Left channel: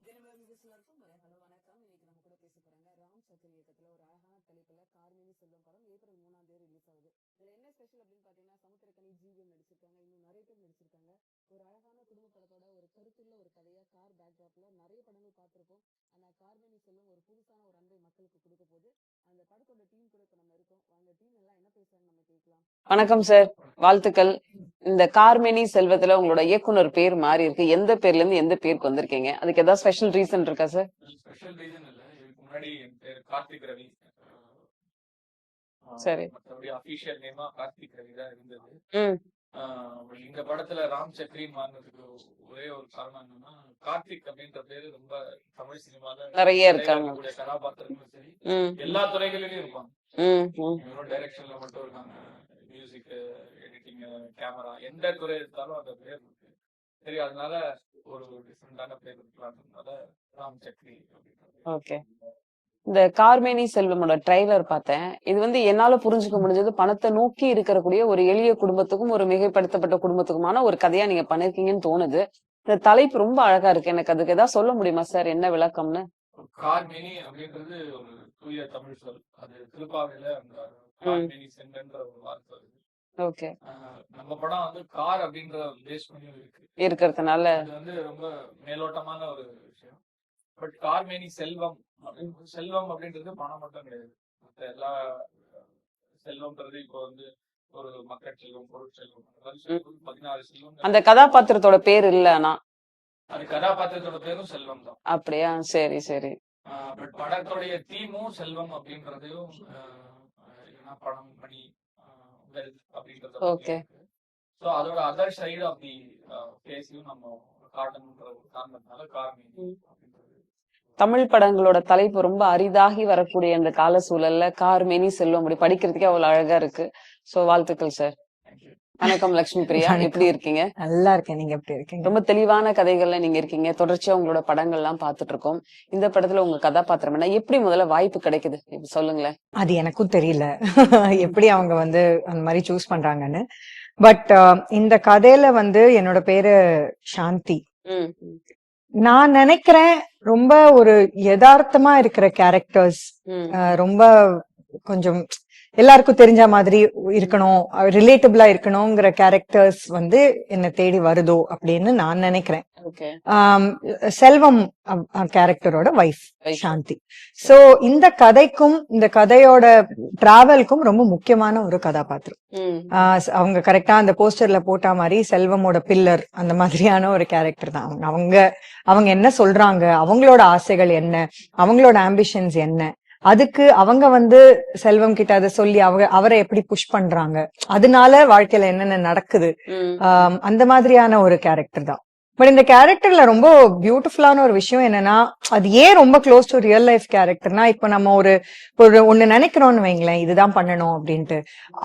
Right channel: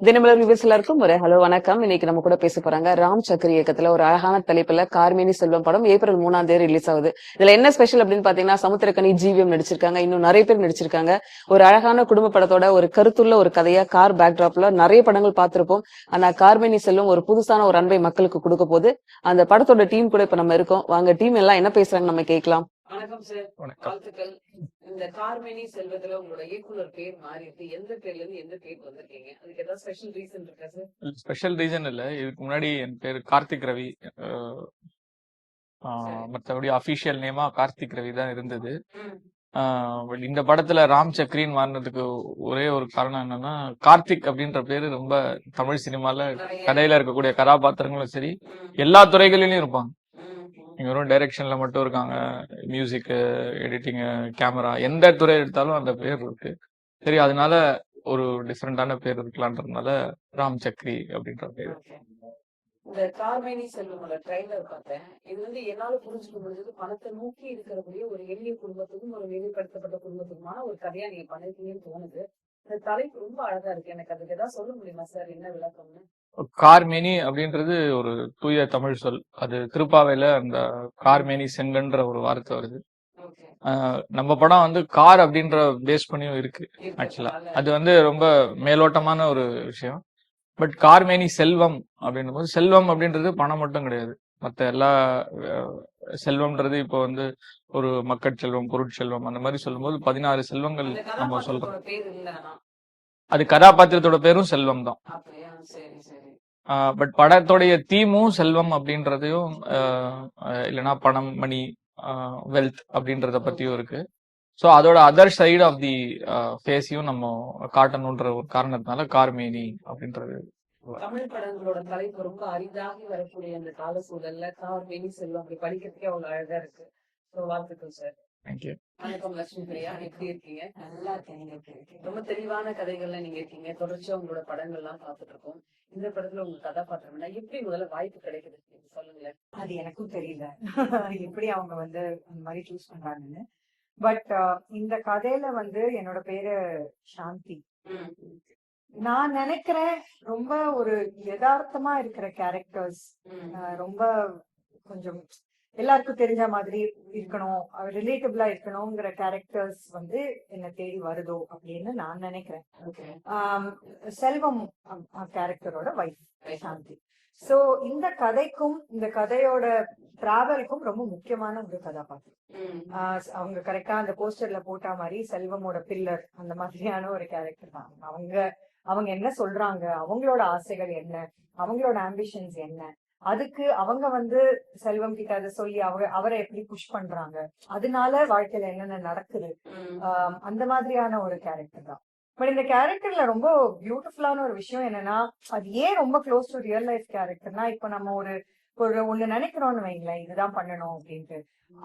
Dinamalar viewers எல்லாருக்கும் ஒரு hello வணக்கம். இன்னைக்கு நம்ம கூட பேச போறாங்க ராம் சக்கர் இயக்கத்துல ஒரு அழகான தலைப்புல கார்மேனி செல்வம் படம் ஏப்ரல் 3 ரிலீஸ் ஆகுது. இதுல என்ன ஸ்பெஷல் அப்படின்னு பாத்தீங்கன்னா சமுத்திரக்கனி ஜிவிஎம் நடிச்சிருக்காங்க, இன்னும் நிறைய பேர் நடிச்சிருக்காங்க. ஒரு அழகான குடும்ப படத்தோட ஒரு கருத்துள்ள ஒரு கதையா கார் பேக்டிராப்ல நிறைய படங்கள் பார்த்திருப்போம். ஆனா கார்மேனி செல்வம் ஒரு புதுசான ஒரு அன்பை மக்களுக்கு கொடுக்க போது அந்த படத்தோட டீம் கூட இப்ப நம்ம இருக்கோம். வாங்க டீம் எல்லாம் என்ன பேசுறாங்க நம்ம கேட்கலாம். வணக்கம் சார், வாழ்த்துக்கள். இந்த கார்மேனி செல்வத்துல உங்களோட இயக்குனர் பேர் மாறி இருக்கு. எந்த பேர்ல இருந்து எந்த பேருக்கு வந்திருக்கீங்க? அதுக்கு ஏதாவது ஸ்பெஷல் ரீசன் இருக்கா சார்? ஸ்பெஷல் ரீசன் இல்ல. இதுக்கு முன்னாடி என் பேர் கார்த்திக் ரவி. சரி. மற்றபடி அபிஷியல் நேமா கார்த்திக் ரவி தான் இருந்தது. ம். பட் இந்த படத்துல ராம் சக்ரின்னு மாறினதுக்கு ஒரே ஒரு காரணம் என்னன்னா, கார்த்திக் அப்படின்ற பேரு ரொம்ப தமிழ் சினிமால நிறைய கதையில இருக்காங்க. இருக்கக்கூடிய கதாபாத்திரங்களும் சரி, ம், எல்லா துறைகளிலும் இருப்பாங்க. ம், ம். இங்க வெறும் டைரக்ஷன்ல மட்டும் இருக்காங்க, மியூசிக், எடிட்டிங், கேமரா, எந்த துறை எடுத்தாலும் அந்த பேர் இருக்கு. சரி, அதனால ஒரு டிஃப்ரெண்டான பேர் இருக்கலான்றதுனால ராம் சக்ரி அப்படின்ற பேர். ஓகே. இந்த கார்மேனி செல்வமோட ட்ரைலர் பார்த்தேன். இது வந்து என்னால புரிஞ்சுக்க முடிஞ்சது, பணத்தை நோக்கி இருக்கக்கூடிய ஒரு எளிய குடும்பத்துக்கும் ஒரு மிகைப்படுத்தப்பட்ட குடும்பத்துக்குமான ஒரு கதையா நீங்க பண்ணிருக்கீங்கன்னு தோணுது. இந்த தலைப்பு ரொம்ப அழகா இருக்கு. எனக்கு அதுக்கு ஏதாவது சொல்ல முடியுமா சார், என்ன விளக்கம்னு? கார்மேனி அப்படின்றது ஒரு தூய தமிழ் சொல். அது திருப்பாவையில அந்த கார்மேனி செங்கன்ற ஒரு வார்த்தை வருது. ஓகே. நம்ம படம் வந்து கார் அப்படின்ற பேஸ் பண்ணியும் இருக்கு. இருக்கிறதுனால அது வந்து ரொம்ப மேலோட்டமான ஒரு விஷயம். பட் கார்மேனி செல்வம் அப்படின்னும் போது, செல்வம் அப்படின்றது பணம் மட்டும் கிடையாது. மத்த எல்லா செல்வம்ன்றது இப்போ வந்து ஒரு மக்கட்செல்வம், பொருட்செல்வம் அந்த மாதிரி சொல்லும்போது 16 செல்வங்கள் அந்த கதாபாத்திரத்தோட பேர் இல்ல ஆனா. அது கதாபாத்திரத்தோட பேரும் செல்வம் தான். அப்படியா? சரி சரி. பட் படத்தோடைய தீமும் செல்வம் அப்படின்றதையும், இல்லைன்னா பணம், மணி, வெல்த் அப்படின்றத பத்தியும் இருக்கு. சோ அதோட அதர் சைடு ஆஃப் தி ஃபேஸையும் நம்ம காட்டணும்ன்ற ஒரு காரணத்தினால கார்மேனி அப்படின்றது. தமிழ் படங்களோட தலைப்பு ரொம்ப அரிதாகி வரக்கூடிய அந்த கால சூழல்ல கார்மேனி செல்வம் அப்படி படிக்கிறதுக்கே அவ்வளவு அழகா இருக்கு. சோ வாழ்த்துக்கள் சார். தேங்க்யூ. வணக்கம் லட்சுமி பிரியா, எப்படி இருக்கீங்க? நல்லா இருக்கேன், நீங்க எப்படி இருக்கீங்க? ரொம்ப தெளிவான கதைகள்ல நீங்க இருக்கீங்க. தொடர்ச்சியா உங்களோட படங்கள் எல்லாம் பாத்துட்டு இருக்கோம். இந்த படத்துல உங்க கதாபாத்திரம் என்ன, எப்படி முதல்ல வாய்ப்பு கிடைக்குது இப்ப சொல்லுங்களேன். அது எனக்கும் தெரியல எப்படி அவங்க வந்து அந்த மாதிரி சூஸ் பண்றாங்கன்னு. பட் இந்த கதையில வந்து என்னோட பேரு சாந்தி. ம், நான் நினைக்கிறேன் ரொம்ப ஒரு யதார்த்தமா இருக்கிற கேரக்டர்ஸ், ம், ரொம்ப கொஞ்சம் எல்லாருக்கும் தெரிஞ்ச மாதிரி இருக்கணும், ரிலேட்டபிளா இருக்கணுங்கிற கேரக்டர்ஸ் வந்து என்ன தேடி வருதோ அப்படின்னு நான் நினைக்கிறேன். ஓகே. செல்வம் கேரக்டரோட வைஃப் Wife. சாந்தி. சோ இந்த கதைக்கும் இந்த கதையோட டிராவல்க்கும் ரொம்ப முக்கியமான ஒரு கதாபாத்திரம். ம், அவங்க கரெக்டா அந்த போஸ்டர்ல போட்ட மாதிரி செல்வமோட பில்லர் அந்த மாதிரியான ஒரு கேரக்டர் தான் அவங்க. அவங்க என்ன சொல்றாங்க, அவங்களோட ஆசைகள் என்ன, அவங்களோட ஆம்பிஷன்ஸ் என்ன, அதுக்கு அவங்க வந்து செல்வம் கிட்ட அதை சொல்லி அவரை எப்படி புஷ் பண்றாங்க, அதனால வாழ்க்கையில என்னென்ன நடக்குது, ம். அந்த மாதிரியான ஒரு கேரக்டர் தான். பட் இந்த கேரக்டர்ல ரொம்ப பியூட்டிஃபுல்லான ஒரு விஷயம் என்னன்னா, அது ஏன் ரொம்ப க்ளோஸ் டு ரியல் லைஃப் கேரக்டர்னா, இப்ப நம்ம ஒரு ஒண்ணு நினைக்கிறோம்னு வைங்களேன், இதுதான் பண்ணணும் அப்படின்ட்டு,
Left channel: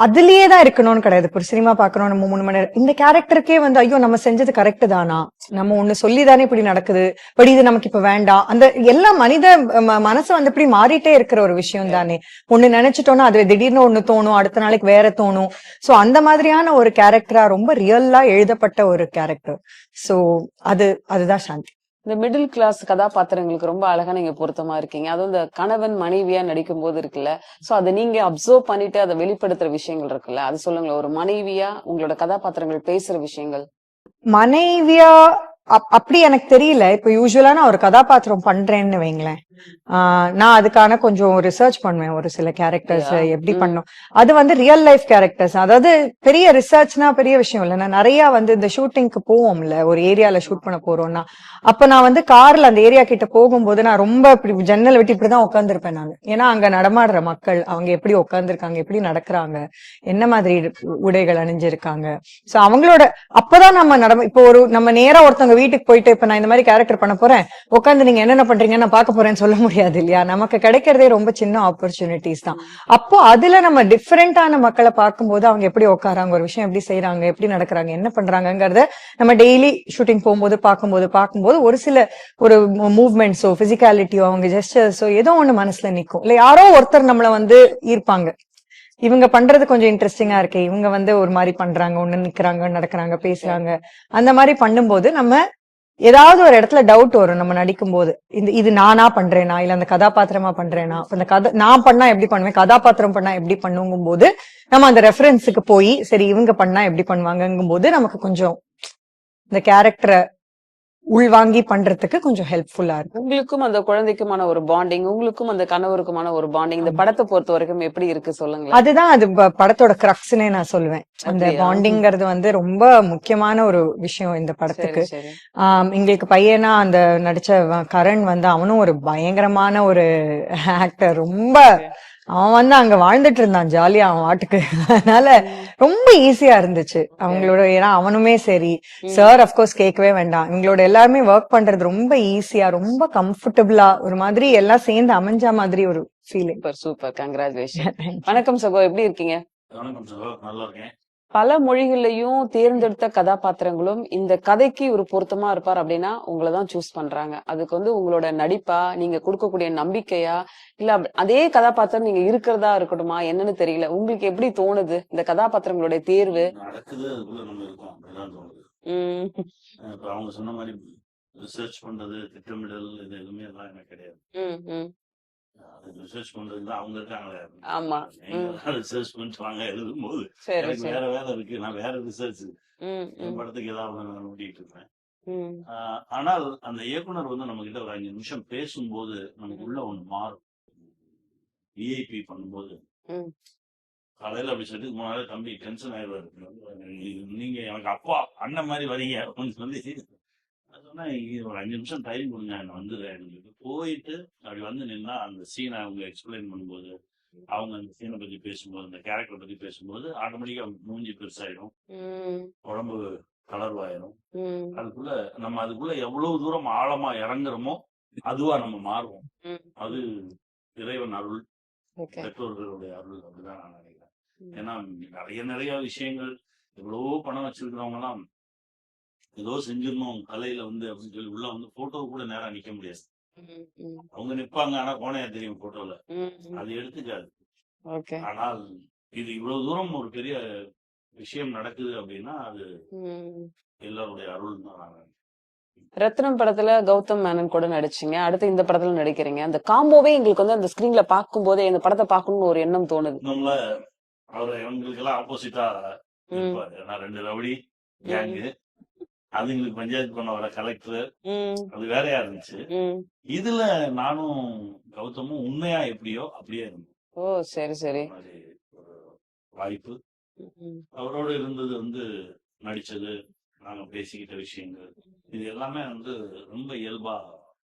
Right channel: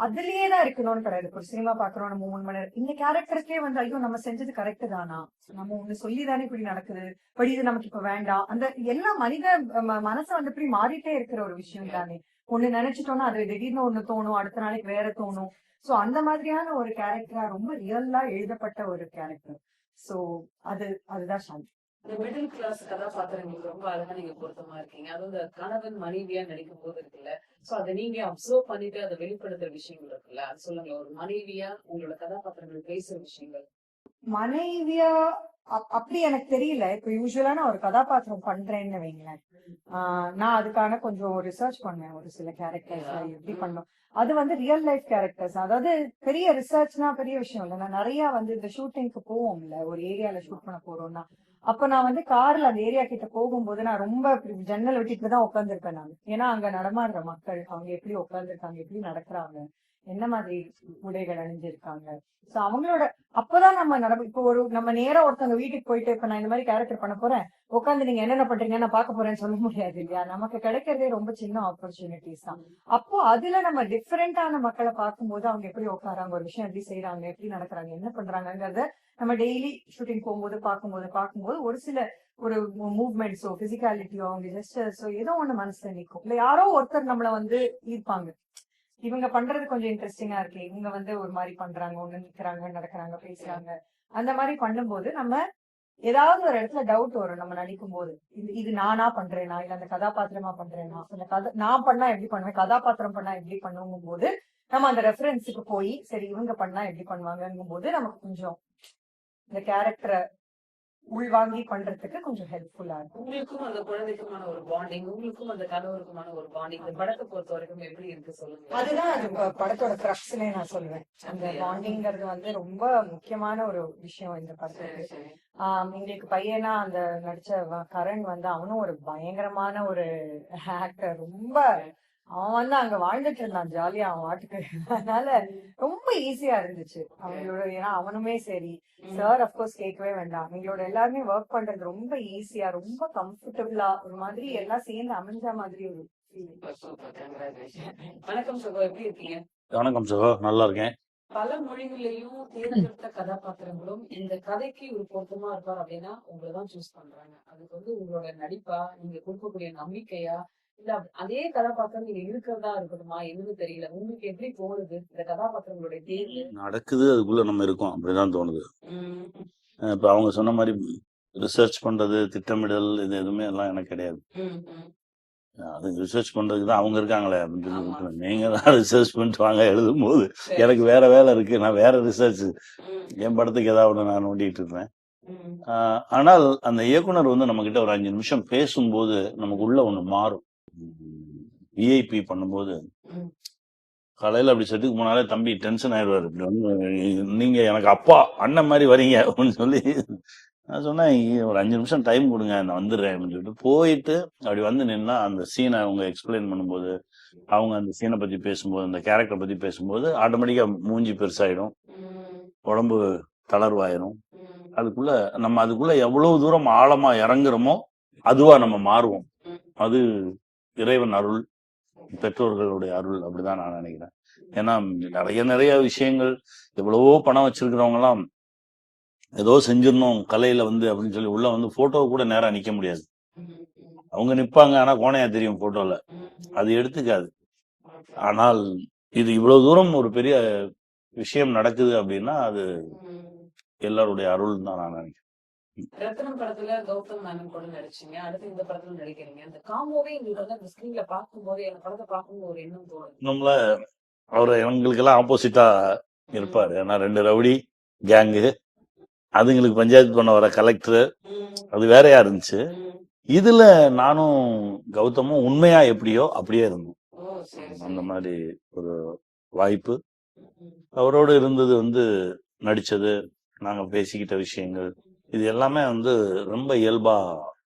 அதுலயே தான் இருக்கணும்னு கிடையாது. ஒரு சினிமா பாக்குறோம் நம்ம 3 மணி நேரம், இந்த கேரக்டருக்கே வந்து ஐயோ நம்ம செஞ்சது கரெக்ட் தானா, நம்ம ஒண்ணு சொல்லிதானே இப்படி நடக்குது, பட் இது நமக்கு இப்ப வேண்டாம், அந்த எல்லா மனித மனசு வந்து இப்படி மாறிட்டே இருக்கிற ஒரு விஷயம் தானே. ஒண்ணு நினைச்சிட்டோம்னா அது திடீர்னு ஒண்ணு தோணும், அடுத்த நாளைக்கு வேற தோணும். சோ அந்த மாதிரியான ஒரு கேரக்டரா ரொம்ப ரியல்லா எழுதப்பட்ட ஒரு கேரக்டர். சோ அதுதான் சாந்தி. இந்த மிடில் கிளாஸ் கதாபாத்திரங்களுக்கு ரொம்ப அழகா நீங்க பொருத்தமா இருக்கீங்க. அதுவும் இந்த கணவன் மனைவியா நடிக்கும் போது இருக்குல்ல, சோ அதை நீங்க அப்சர்வ் பண்ணிட்டு அதை வெளிப்படுத்துற விஷயங்கள் இருக்குல்ல, அது சொல்லுங்களேன். ஒரு மனைவியா உங்களோட கதாபாத்திரங்கள் பேசுற விஷயங்கள். மனைவியா அப்படி எனக்கு தெரியல. இப்ப யூஸ்வலா நான் ஒரு கதாபாத்திரம் பண்றேன்னு வைங்களேன், நான் அதுக்கான கொஞ்சம் ரிசர்ச் பண்ணுவேன். ஒரு சில கேரக்டர்ஸ் எப்படி பண்ணும், அது வந்து ரியல் லைஃப் கேரக்டர்ஸ். அதாவது பெரிய ரிசர்ச்னா பெரிய விஷயம் இல்ல. நான் நிறைய வந்து இந்த ஷூட்டிங்க்கு போவோம்ல, ஒரு ஏரியால ஷூட் பண்ண போறோம்னா, அப்ப நான் வந்து கார்ல அந்த ஏரியா கிட்ட போகும்போது நான் ரொம்ப இப்படி ஜன்னல் விட்டு இப்படிதான் உட்காந்துருப்பேன் நான். ஏன்னா அங்க நடமாடுற மக்கள் அவங்க எப்படி உட்காந்துருக்காங்க, எப்படி நடக்கிறாங்க, என்ன மாதிரி உடைகள் அணிஞ்சிருக்காங்க, சோ அவங்களோட அப்பதான் நம்ம இப்போ ஒரு நம்ம நேரா ஒருத்தவங்க வீட்டுக்கு போயிட்டு இப்ப நான் இந்த மாதிரி கேரக்டர் பண்ண போறேன், உட்காந்து நீங்க என்னென்ன பண்றீங்க நான் பார்க்க போறேன்னு சொல்ல முடியாது இல்லையா. நமக்கு கிடைக்கிறதே ரொம்ப சின்ன ஆப்பர்ச்சுனிட்டிஸ் தான். அப்போ அதுல நம்ம டிஃபரெண்டான மக்களை பார்க்கும்போது அவங்க எப்படி உட்காராங்க, ஒரு விஷயம் எப்படி செய்யறாங்க, எப்படி நடக்கிறாங்க, என்ன பண்றாங்கிறத நம்ம டெய்லி ஷூட்டிங் போகும்போது பார்க்கும்போது ஒரு சில ஒரு மூவ்மெண்ட்ஸோ பிசிக்காலிட்டியோ அவங்க ஜெஸ்டர்ஸோ ஏதோ ஒண்ணு மனசுல நிக்கும். இல்ல யாரோ ஒருத்தர் நம்மள வந்து ஈர்ப்பாங்க, இவங்க பண்றது கொஞ்சம் இன்ட்ரெஸ்டிங்கா இருக்கு, இவங்க வந்து ஒரு மாதிரி பண்றாங்க, ஒண்ணு நிக்கிறாங்க, நடக்கிறாங்க, பேசுறாங்க, அந்த மாதிரி பண்ணும்போது நம்ம ஏதாவது ஒரு இடத்துல டவுட் வரும் நம்ம நடிக்கும் போது. இது நானா பண்றேனா இல்ல அந்த கதாபாத்திரமா பண்றேனா, அப்ப அந்த கதை நான் பண்ணா எப்படி பண்ணுவேன், கதாபாத்திரம் பண்ணா எப்படி பண்ணுங்கும் போது நம்ம அந்த ரெஃபரன்ஸுக்கு போய் சரி இவங்க பண்ணா எப்படி பண்ணுவாங்கங்கும் போது நமக்கு கொஞ்சம் இந்த கேரக்டரை உள்வாங்கி பண்றதுக்கு கொஞ்சம் ஹெல்ப்ஃபுல்லா இருக்கும். உங்களுக்கும் அந்த குழந்தைக்குமான ஒரு பாண்டிங், உங்களுக்கும் அந்த கணவருக்குமான ஒரு பாண்டிங் இந்த படத்தை பொறுத்த வரைக்கும் எப்படி இருக்கு சொல்லுங்களேன். அதுதான் அது படத்தோட கிரக்ஸ்னே நான் சொல்லுவேன். அந்த அப்படியா? பாண்டிங்கிறது வந்து ரொம்ப முக்கியமான ஒரு விஷயம் இந்த சரி படத்துக்கு. சரி. எங்களுக்கு பையனா அந்த நடிச்ச கரண் வந்து அவனும் ஒரு பயங்கரமான ஒரு ஆக்டர். ரொம்ப அவன் வந்து அங்க வாழ்ந்துட்டு இருந்தான் ஜாலியா அவன் வாட்டுக்கு. அதனால ரொம்ப ஈஸியா இருந்துச்சு அவங்களோட. ஏன்னா அவனுமே சரி, சார் அப்கோர்ஸ் கேட்கவே வேண்டாம். இவங்களோட எல்லாருமே ஒர்க் பண்றது ரொம்ப ஈஸியா, ரொம்ப கம்ஃபர்டபுளா, ஒரு மாதிரி எல்லாம் சேர்ந்து அமைஞ்ச மாதிரி ஒரு ஃபீலிங். Super super, congratulation. வணக்கம் சகோ, எப்படி இருக்கீங்க? வணக்கம் சகோ, நல்லா இருக்கேன். பல மொழிகள்லயும் தேர்ந்தெடுத்த கதாபாத்திரங்களும் இந்த கதைக்கு ஒரு பொருத்தமா இருப்பார் அப்படின்னா உங்களதான் சூஸ் பண்றாங்க. அதுக்கு வந்து உங்களோட நடிப்பா, நீங்க கொடுக்கக்கூடிய நம்பிக்கையா, இல்ல அதே கதாபாத்திரம் நீங்க இருக்கிறதா இருக்கட்டுமா என்னன்னு தெரியல. உங்களுக்கு எப்படி தோணுது இந்த கதாபாத்திரங்களுடைய தேர்வு? நடக்குது, அதுக்குள்ள நம்ம இருக்கோம் அப்படிதான் தோணுது. உம் இப்ப அவங்க சொன்ன மாதிரி ரிசர்ச் பண்றது, திட்டமிடல், இது எதுவுமே எல்லாம் எனக்கு கிடையாது. உம் உம் அது ரிசர்ச் பண்றதுக்கு தான் அவங்க இருக்காங்களே ஆமா. அப்படின்னு நீங்க தான் ரிசர்ச் பண்ணிட்டு வாங்க எழுதும் போது சரி எனக்கு சரி. வேற வேலை இருக்கு, நான் வேற ரிசர்ச் உம் என் படத்துக்கு ஏதாவது ஒண்ணு நான் நோண்டிட்டு இருப்பேன். உம் ஆனால் அந்த இயக்குனர் வந்து நம்ம கிட்ட ஒரு 5 நிமிஷம் பேசும்போது நமக்கு உள்ள ஒண்ணு மாறும். விஐபி பண்ணும்போது உம் காலையில அப்படி செட்டுக்கு போனாலே தம்பி டென்ஷன் ஆயிடுவாரு. இப்படி வந்து நீங்க எனக்கு அப்பா அண்ணன் மாதிரி வரீங்க அப்படின்னு சொல்லி நான் சொன்னேன், ஒரு 5 நிமிஷம் டைம் கொடுங்க, நான் வந்துடுறேன் அப்படின்னு சொல்லிட்டு போயிட்டு அப்படி வந்து நின்னா அந்த சீனை அவங்க எக்ஸ்பிளைன் பண்ணும்போது, அவங்க அந்த சீனை பத்தி பேசும்போது, அந்த கேரக்டர் பத்தி பேசும்போது ஆட்டோமேட்டிக்கா மூஞ்சி பெருசாயிடும், உம் உடம்பு தளர்வாயிரும். உம் அதுக்குள்ள எவ்வளவு தூரம் ஆழமா இறங்குறோமோ அதுவா நம்ம மாறுவோம். உம் அது இறைவன் அருள், ஓகே. பெற்றோர்களுடைய அருள், அப்படிதான் நான் நினைக்கிறேன். ஏன்னா நிறைய விஷயங்கள், எவ்வளவோ பணம் வச்சிருக்கிறவங்க எல்லாம் ஏதோ செஞ்சிடணும் கலையில வந்து அப்படின்னு சொல்லி உள்ள வந்து போட்டோவை கூட நேரா நிக்க முடியாது. உம் உம் அவங்க நிப்பாங்க, ஆனா கோணையா தெரியும் போட்டோல, உம் அது எடுத்துக்காது. ஓகே. ஆனால் இது இவ்வளவு தூரம் ஒரு பெரிய விஷயம் நடக்குது அப்படின்னா அது உம் எல்லாருடைய அருள் தான் நான் நினைக்கிறேன். ரத்னம் படத்துல கௌதம் மேனன் கூட நடிச்சீங்க, அடுத்து இந்த படத்துல நடிக்கிறீங்க. அந்த காம்போவே எங்களுக்கு வந்து அந்த ஸ்கிரீன்ல பார்க்கும் போதே இந்த படத்தை பார்க்கணும்னு ஒரு எண்ணம் தோணுது. நம்மள அவர் எங்களுக்கு எல்லாம் ஆப்போசிட்டா இருப்பாரு. ஏன்னா 2 ரவுடி கேங்கு, அதுங்களுக்கு பஞ்சாயத்து பண்ண வர கலெக்டர், உம் அது வேறையா இருந்துச்சு. உம் இதுல நானும் கௌதமும் உண்மையா எப்படியோ அப்படியே இருந்தோம். ஓ சரி அந்த சரி. மாதிரி ஒரு வாய்ப்பு உம் அவரோடு இருந்தது வந்து, நடிச்சது, நாங்க பேசிக்கிட்ட விஷயங்கள், இது எல்லாமே வந்து ரொம்ப இயல்பா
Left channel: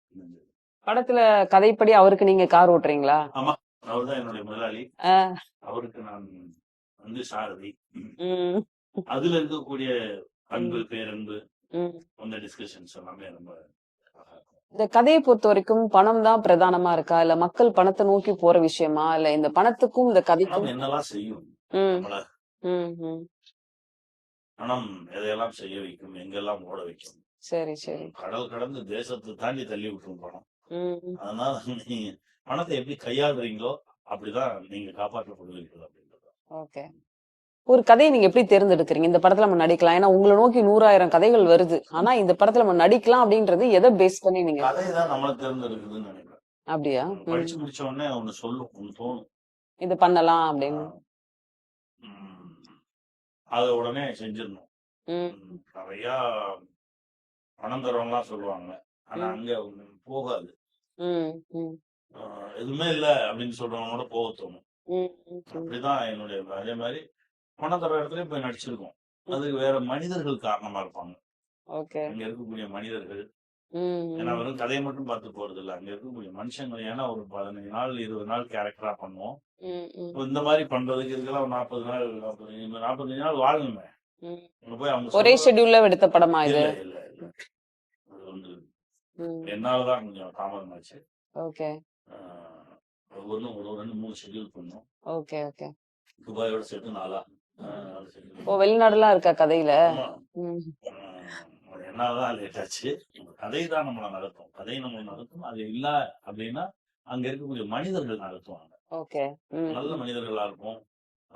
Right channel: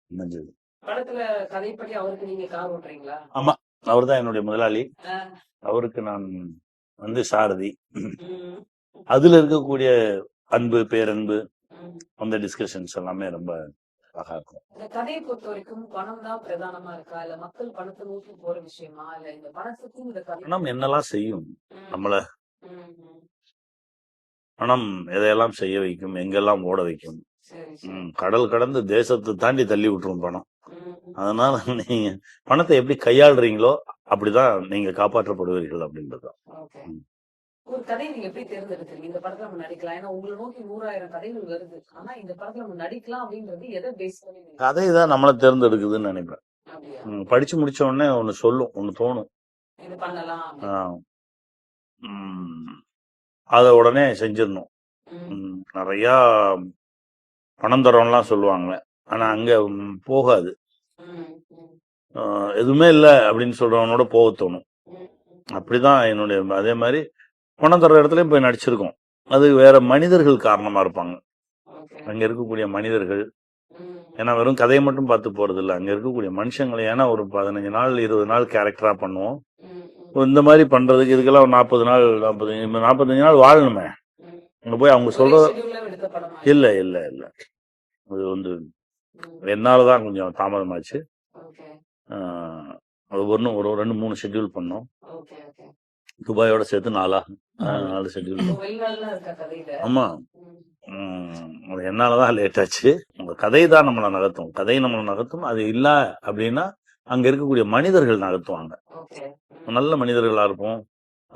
அமைஞ்சது. படத்துல கதைப்படி அவருக்கு நீங்க கார் ஓட்டுறீங்களா? ஆமா, அவர்தான் என்னுடைய முதலாளி. ஆஹ் அவருக்கு நான் வந்து சாரதி. உம் அதுல இருக்கக்கூடிய அன்பு, பேரன்பு, உம் அந்த டிஸ்கஷன்ஸ் எல்லாமே ரொம்ப அழகா இருக்கும். இந்த கதையை பொறுத்த வரைக்கும் பணம் தான் பிரதானமா இருக்கா, இல்ல மக்கள் பணத்தை நோக்கி போற விஷயமா, இல்ல இந்த பணத்துக்கும் இந்த பணம் கதைக்கும்? என்னெல்லாம் செய்யும் உம் நம்மள, உம் உம் பணம் எதையெல்லாம் செய்ய வைக்கும், எங்கெல்லாம் ஓட வைக்கும். சரி சரி. கடல் கடந்து தேசத்தை தாண்டி தள்ளி விட்டுரும் பணம். உம் அதனால நீங்க பணத்தை எப்படி கையாளுறீங்களோ அப்படிதான் நீங்க காப்பாற்றப்படுவீர்கள் அப்படின்றது. ஓகே. ஒரு கதையை நீங்க எப்படி தேர்ந்தெடுக்கிறீங்க? இந்த படத்துல நம்ம நடிக்கலாம், ஏன்னா உங்களை நோக்கி 100,000 கதைகள் வருது, ஆனா இந்த படத்துல நம்ம நடிக்கலாம் அப்படின்றது எதை பேஸ் பண்ணி நீங்க? கதை தான் நம்மள தேர்ந்தெடுக்குதுன்னு நினைப்பேன். அப்படியா? படிச்சு முடிச்ச உடனே ஒண்ணு சொல்லும், ஒண்ணு தோணும். இது பண்ணலாம் அப்படின்னு. உம் அத உடனே செஞ்சிடணும். உம் நிறைய பணம் தரோம்லாம் சொல்லுவாங்க, ஆனா அங்க போகாது. உம் உம் எதுவுமே இல்ல அப்படின்னு சொல்றவனோட போக தோணும். உம் உம் அப்படிதான் என்னுடைய. அதே மாதிரி பணம் தர்ற இடத்துலயும் போய் நடிச்சிருக்கோம். அது வேற மனிதர்கள் காரணமா இருப்பாங்க, ஓகே. அங்க இருக்கக்கூடிய மனிதர்கள். உம் ஏன்னா வெறும் கதையை மட்டும் பார்த்து போறது இல்ல, அங்க இருக்கக்கூடிய மனுஷங்களை. ஏன்னா ஒரு 15 நாள் 20 நாள் கேரக்டரா பண்ணுவோம். உம் உம் இந்த மாதிரி பண்றதுக்கு இதுக்கெல்லாம் ஒரு 40 நாள் 45 நாள் வாழணுமே. உம் அங்க போய் அவங்க ஒரே சொல்ற ஷெட்யூல்ல எடுத்த படமா இல்ல இது? இல்ல இல்ல அது வந்து உம் என்னாலதான் கொஞ்சம் தாமதமாச்சு. ஓகே அது ஒரு 2-3 ஷெட்யூல் பண்ணோம். Okay okay. துபாயோட சேர்த்து 4 ஷெட்யூல். ஓ, வெளிநாடுலாம் இருக்கா கதையில? ஆமா. அது என்னாலதான் லேட் ஆச்சு. உங்க கதை தான் நம்மளை நகர்த்தும், கதை நம்மளை நகர்த்தும். அது இல்ல அப்படின்னா அங்க இருக்கக்கூடிய மனிதர்கள் நகர்த்துவாங்க. ஓகே. நல்ல மனிதர்களா இருப்போம்,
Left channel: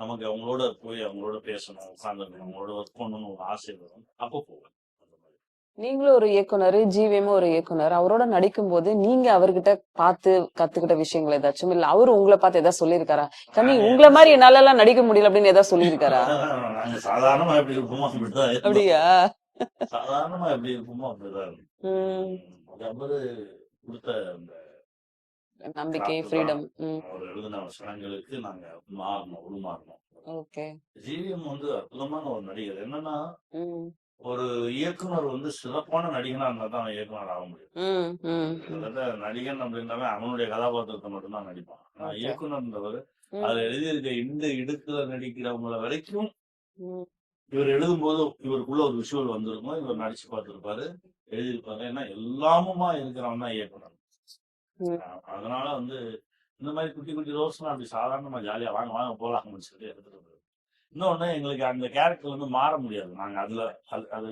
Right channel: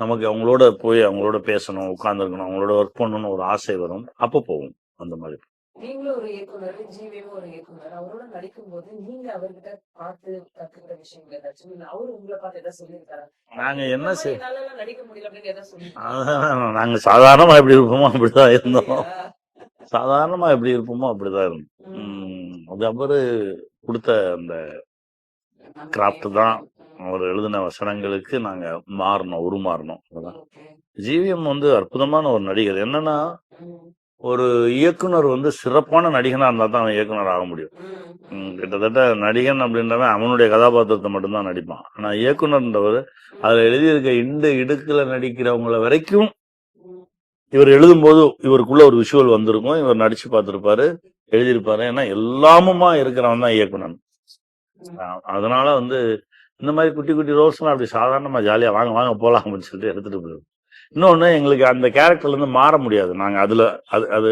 நமக்கு அவங்களோட போய் அவங்களோட பேசணும், உட்கார்ந்துருக்கணும், அவங்களோட ஒர்க் பண்ணணும்னு ஒரு ஆசை வரும், அப்ப போகும் அந்த மாதிரி. நீங்களும் ஒரு இயக்குனர், ஜிவிஎம்மும் ஒரு இயக்குனர். அவரோட நடிக்கும்போது நீங்க அவர்கிட்ட பார்த்து கத்துக்கிட்ட விஷயங்கள் ஏதாச்சும், இல்ல அவரு உங்கள பார்த்து ஏதாவது சொல்லியிருக்காரா? கண்ணி நாங்க உங்கள என்ன மாரி செய் என்னாலலாம் நடிக்க முடியல அப்படின்னு ஏதாவது சொல்லியிருக்காரா? நாங்க சாதாரணமா எப்படி இருப்போமோ அப்படிதான் இருந்தோம். அப்படியா? சாதாரணமா எப்படி இருப்போமோ அப்படிதான் இருந்தோம். ம். அது அவரு கொடுத்த அந்த நம்பிக்கை, கிராஃப்ட் தான். ஃப்ரீடம். அவர் எழுதின வசனங்களுக்கு நாங்க உருமாறணும். அதான். ஓகே. ஜிவிஎம் வந்து அற்புதமான ஒரு நடிகர். என்னன்னா, ம். ஒரு இயக்குனர் வந்து சிறப்பான நடிகனா இருந்தா தான் அவன் இயக்குனர் ஆக முடியும். ம். ம். கிட்டத்தட்ட நடிகன் அப்படின்றவன் அவனுடைய கதாபாத்திரத்தை மட்டும்தான் நடிப்பான். ஆனா இயக்குனர்ன்றவர் அதுல ம். எழுதியிருக்க இந்த இடுக்குல நடிக்கிறவங்கள வரைக்கும் ம். இவர் எழுதும்போது இவருக்குள்ள ஒரு விஷுவல் வந்திருக்கும். இவர் நடிச்சு பார்த்திருப்பாரு, எழுதியிருப்பாரு. ஏன்னா எல்லாமுமா இருக்கிறவன் தான் இயக்குனர். ம். அதனால வந்து இந்த மாதிரி குட்டி குட்டி ரோல்ஸ் எல்லாம் அப்படி சாதாரணமா ஜாலியா வாங்க வாங்க போலாம் அப்படின்னு சொல்லிட்டு எடுத்துட்டு போயிடும். இன்னொன்னு எங்களுக்கு அந்த கேரக்டர்ல இருந்து மாற முடியாது. நாங்க அதுல அது அது